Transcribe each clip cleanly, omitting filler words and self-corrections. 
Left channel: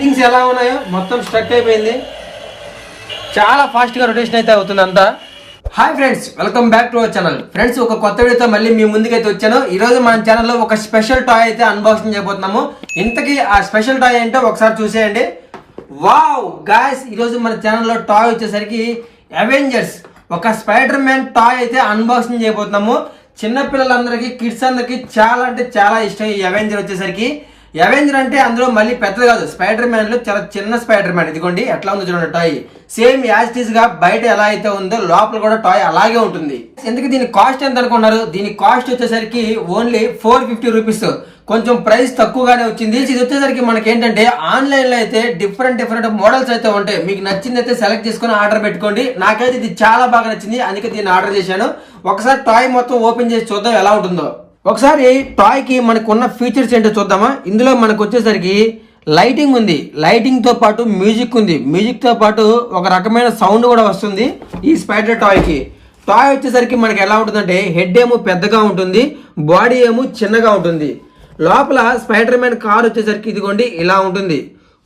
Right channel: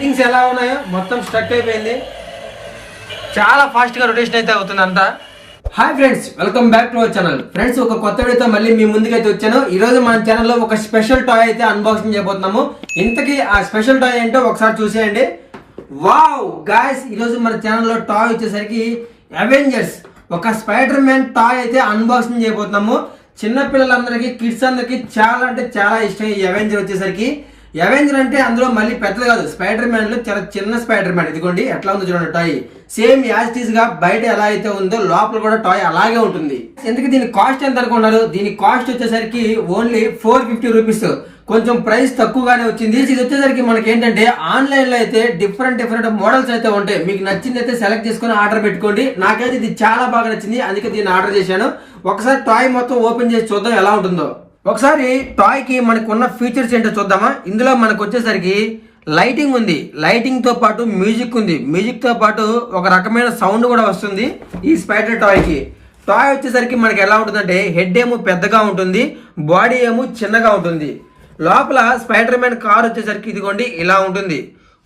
Settings ఎలా ఉన్నాయో మొత్తం స్ట్రక్ అయిపోయింది. చాలా ఫాస్ట్గా రొటేషన్ అయితే అవుతుంది అంతా. Hi friends, welcome back to our channel. Friends, ఒక కొత్త వీడియోతో మళ్ళీ మీ ముందుకైతే వచ్చాను. ఈ రోజు మన ఛానల్లో ఒక స్పెషల్ టాయ్ అయితే అన్బాక్సింగ్ చేయబోతున్నాము. ఇంతకీ ఆ స్పెషల్ టాయ్ ఏంటో ఒకసారి చూసేయండి. వావ్ గాయ్స్, ఈరోజు మన ఛానల్లో టాయ్ వచ్చేసరికి అవెంజర్స్ ఒక స్పైడర్ మ్యాన్ టాయ్ అయితే అన్బాక్సింగ్ చేయబోతున్నాము. చిన్నపిల్లలందరికీ, కిడ్స్ అందరికి చాలా అంటే చాలా ఇష్టం ఈ అవెంజర్ వచ్చేసరికి. అవెంజర్ అంటే అందులో మళ్ళీ పెద్దది కాదు, స్పైడర్ మ్యాన్ లో చాలా చిన్న స్పైడర్ మ్యాన్. ఇదిగోండి ఎట్లా ఉంది చూడండి టాయ్. సేమ్ యాజ్ టీజ్ గా బయట ఎలా అయితే ఉందో లోపల కూడా టాయ్ అలాగే ఉంటుంది. ఎందుకు దీని కాస్ట్ ఎంత అనుకున్నారు? దీని కాస్ట్ వచ్చేసరికి ఓన్లీ 450 రూపీస్. కొంచెం ప్రైస్ తక్కువగానే వచ్చింది. ఇది వచ్చేసరికి మనకి ఏంటంటే ఆన్లైన్ లో అయితే డిఫరెంట్ మోడల్స్ అయితే ఉంటాయి. మీకు నచ్చింది అయితే సెలెక్ట్ చేసుకుని ఆర్డర్ పెట్టుకోండి. నాకైతే ఇది చాలా బాగా నచ్చింది, అందుకే దీన్ని ఆర్డర్ చేశాను. ఒకసారి టాయ్ మొత్తం ఓపెన్ చేసి చూద్దాం ఎలా ఉంటుందో. ఒకసారి టాయ్ కి మనకు ఉన్న ఫీచర్స్ ఏంటో చూద్దామా. ఇందులో మనకు వచ్చేసరికి లైటింగ్ ఉంది, లైటింగ్ తో పాటు మ్యూజిక్ ఉంది, మ్యూజిక్ తో పాటు ఒక రకమైన సౌండ్ కూడా వస్తుంది ఈ స్పైడర్ టాయ్ కి. టాయ్ వచ్చేసరికి మనకి ఎలా ఉంటుందంటే హెడ్ ఏమో పెద్దగా ఉంటుంది, బాడీ ఏమో చిన్నగా ఉంటుంది. లోపల స్పైడర్ మ్యాన్ కార్ వచ్చేసరికి ఇదిగోండి ఇలా ఉంటుంది.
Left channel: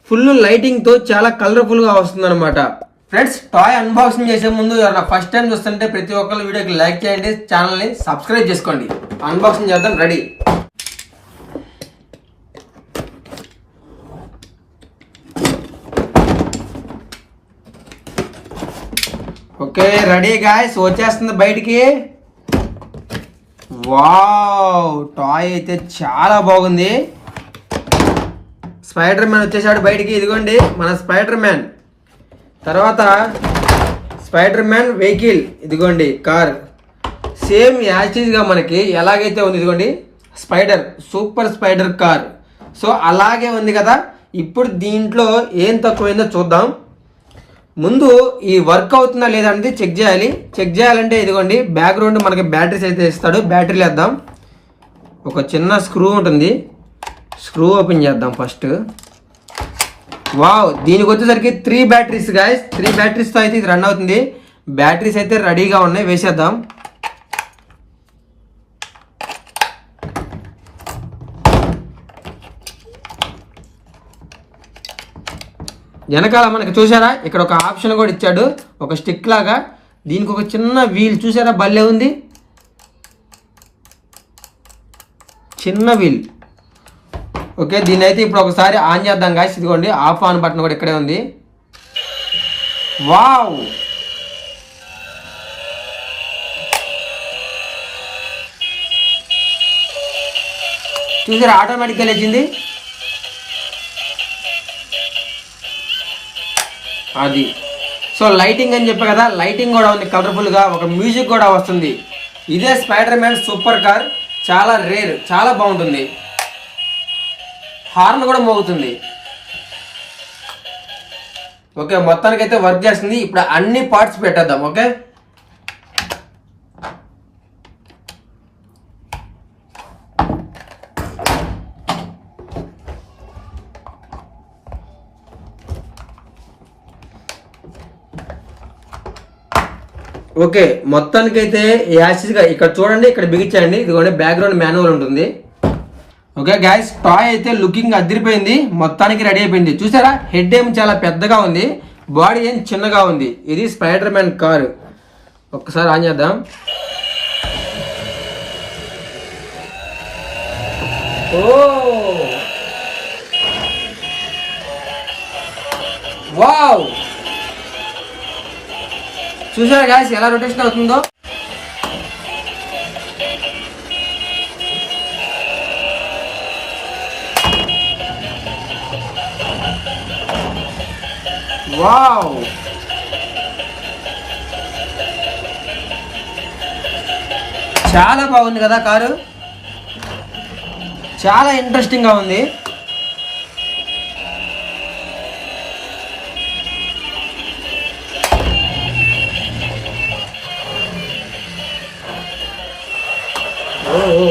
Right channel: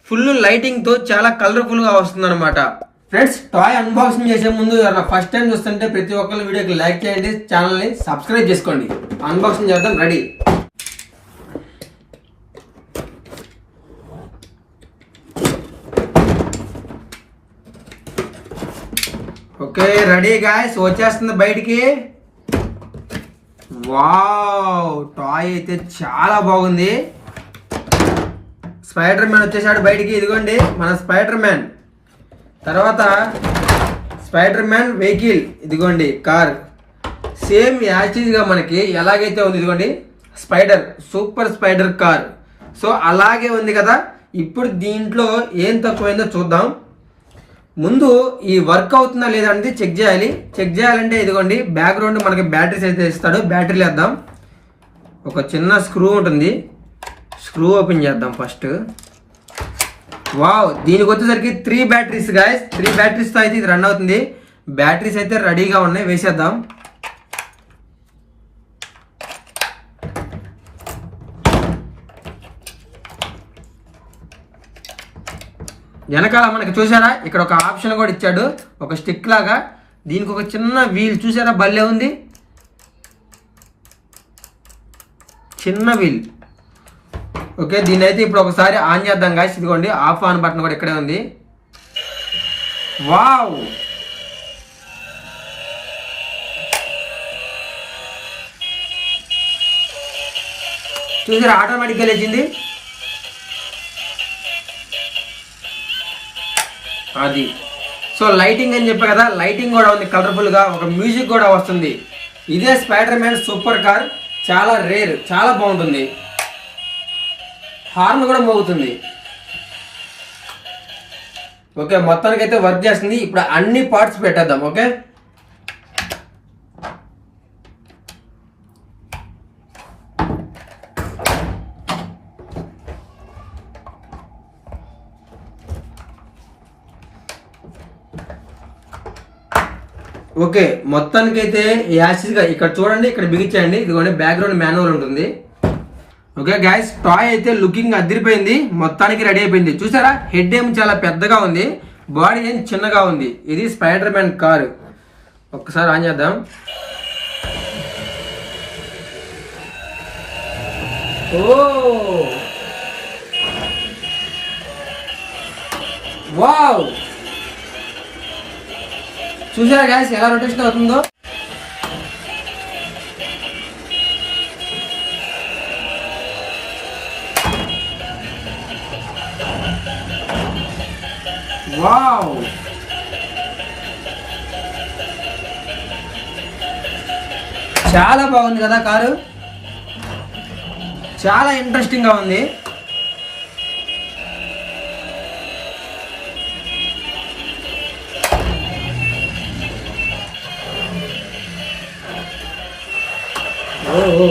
ఫుల్ లైటింగ్ తో చాలా కలర్ఫుల్ గా వస్తుంది అనమాట. ఫ్రెండ్స్, టాయ్ అన్బాక్సింగ్ చేసే ముందు ఫస్ట్ టైం చూస్తుంటే ప్రతి ఒక్కరు వీడియోకి లైక్ చేయండి, ఛానల్ ని సబ్స్క్రైబ్ చేసుకోండి. అన్బాక్సింగ్ చేద్దాం, రెడీ. ఓకే రెడీ గాయ్స్, వచ్చేస్తుంది బయటికి. వావ్, టాయ్ అయితే చాలా బాగుంది. స్పైడర్ మ్యాన్ వచ్చేసాడు బయటికి. ఇదిగోండి మన స్పైడర్ మ్యాన్. తర్వాత స్పైడర్ మ్యాన్ వెహికల్, ఇదిగోండి కార్. సేమ్ యాచిజ్ గా మనకి ఎలాగైతే ఉంది ఇదిగోండి spider, super spider car. So అలాగే ఉంది కదా. ఇప్పుడు దీంట్లో ఏం తక్కువైందో చూద్దాం. ముందు ఈ వర్క్ అవుతుందా లేదా అనేది చెక్ చేయాలి. చెక్ చేయాలంటే ఇదిగోండి బ్యాక్గ్రౌండ్ మనకి బ్యాటరీస్ అయితే ఇస్తాడు. బ్యాటరీలు వేద్దాం. ఒక చిన్న స్క్రూ ఉంటుంది, స్క్రూ ఓపెన్ చేద్దాం ఫస్ట్. వావ్, దీనికి వచ్చేసరికి 3 బ్యాటరీస్ గాయస్. 3 బ్యాటరీస్తో అయితే ఇది రన్ అవుతుంది. బ్యాటరీస్ అయితే రెడీగా ఉన్నాయి, వేసేద్దాం. వెనకాల మనకి చూసారా ఇక్కడ ఒక ఆప్షన్ కూడా ఇచ్చాడు, ఒక స్టిక్ లాగా. దీనికి ఒక చిన్న వీల్ చూసారా, భలే ఉంది, చిన్న వీల్. ఓకే, దీన్ని అయితే ఇప్పుడు ఒకసారి ఆన్ చేద్దాం గాయ్స్. ఇదిగోండి ఆఫ్ ఆన్ బటన్ కూడా ఇక్కడే ఉంది. వావ్, చూసారా ఆటోమేటిక్గా లేచింది. అది సో లైటింగ్ అని చెప్పా కదా, లైటింగ్ కూడా ఉంది కలర్ఫుల్ గా. ఒక మ్యూజిక్ కూడా వస్తుంది. ఇదే స్పైడర్ మ్యాన్ సూపర్ కార్, చాలా రేర్, చాలా బాగుంటుంది. హార్న్ కూడా మోగుతుంది. ఓకే, మొత్తానికైతే వర్క్ చేస్తుంది. ఇప్పుడు అన్ని పార్ట్స్ పెట్టేద్దాం. ఓకే, ఓకే మొత్తానికైతే యాసిడ్గా ఇక్కడ చూడండి, ఇక్కడ బిగించండి. ఇదిగోండి బ్యాక్గ్రౌండ్ మాన్యువల్ ఉంటుంది. ఓకే గైస్, టాయ్ అయితే లుకింగ్ అదిరిపోయింది, మొత్తానికి రెడీ అయిపోయింది. చూసారా, హెడ్ ఏం చాలా పెద్దగా ఉంది, బాడీ ఏం చిన్నగా ఉంది. ఇది స్పైడర్ మ్యాన్ కారు. ఒక్కసారి ఆన్ చేద్దాం. ఓ వావ్, చూసారా గైస్ ఎలా రొటేషన్ అవుతుందో. వావ్, చాలా బాగుంది కదా కారు, చాలా ఇంట్రెస్టింగ్ గా ఉంది. ఓ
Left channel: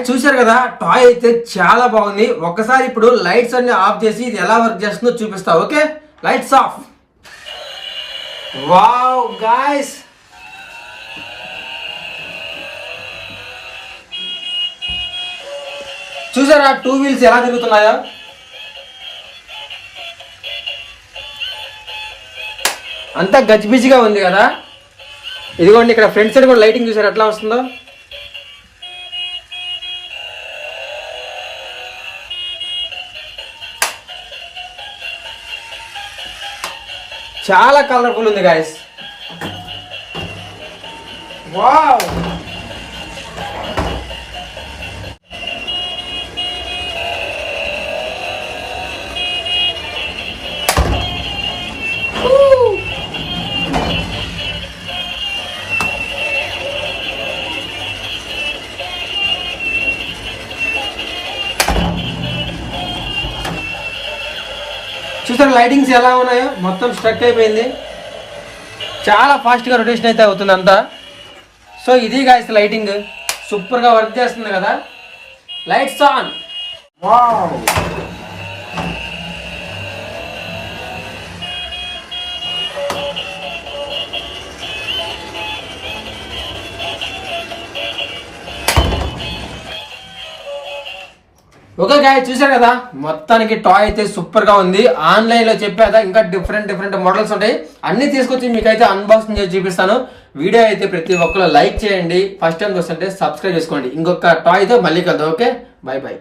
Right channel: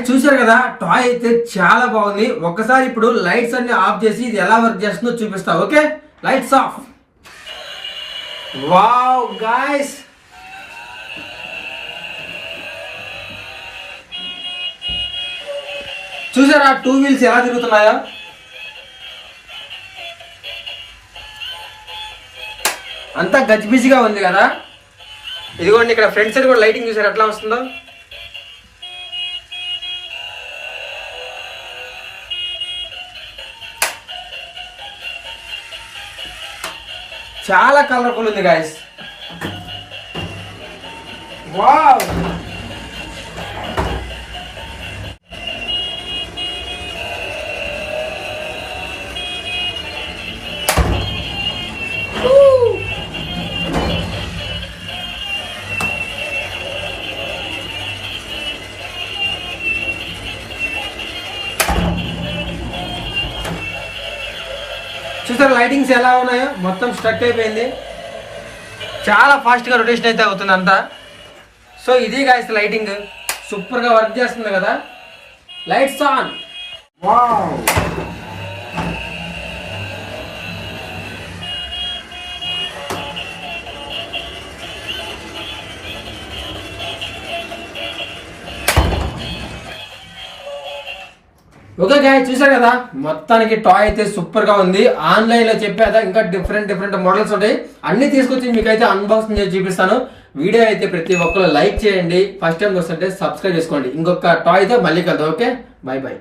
గాయస్ చూశారు కదా, టాయ్ అయితే చాలా బాగుంది. ఒక్కసారి ఇప్పుడు లైట్స్ అన్ని ఆఫ్ చేసి ఇది ఎలా వర్క్ చేస్తుందో చూపిస్తా. Okay, lights off. Wow guys, చూసారా 2 వీల్స్ ఎలా తిరుగుతున్నాయో? అంతా గజిబిజిగా ఉంది కదా. ఇదిగోండి ఇక్కడ ఫ్రంట్ సైడ్ కూడా లైటింగ్ చూసారు ఎట్లా వస్తుందో. చాలా కలర్ఫుల్ ఉంది గాయస్. వావ్, చూసారు లైటింగ్స్ ఎలా ఉన్నాయో? మొత్తం స్ట్రక్ అయిపోయింది. చాలా ఫాస్ట్గా రొటేషన్ అయితే అవుతుంది అంతా. సో ఇది గాయస్ లైటింగ్, సూపర్గా వర్క్ చేస్తుంది కదా. Lights on. Wow, okay guys చూసారు కదా, మొత్తానికి టాయ్ అయితే సూపర్ గా ఉంది. ఆన్లైన్ లో చెప్పేదా ఇంకా డిఫరెంట్ మోడల్స్ ఉంటాయి, అన్ని తీసుకొచ్చి మీకైతే అన్బాక్సింగ్ చేసి చూపిస్తాను. వీడియో అయితే ప్రతి ఒక్కరు లైక్ చేయండి, ఫస్ట్ టైం చూస్తుంటే సబ్స్క్రైబ్ చేసుకోండి. ఇంకొక టాయ్ తో మళ్ళీ కలుద్దాం. Okay, by by.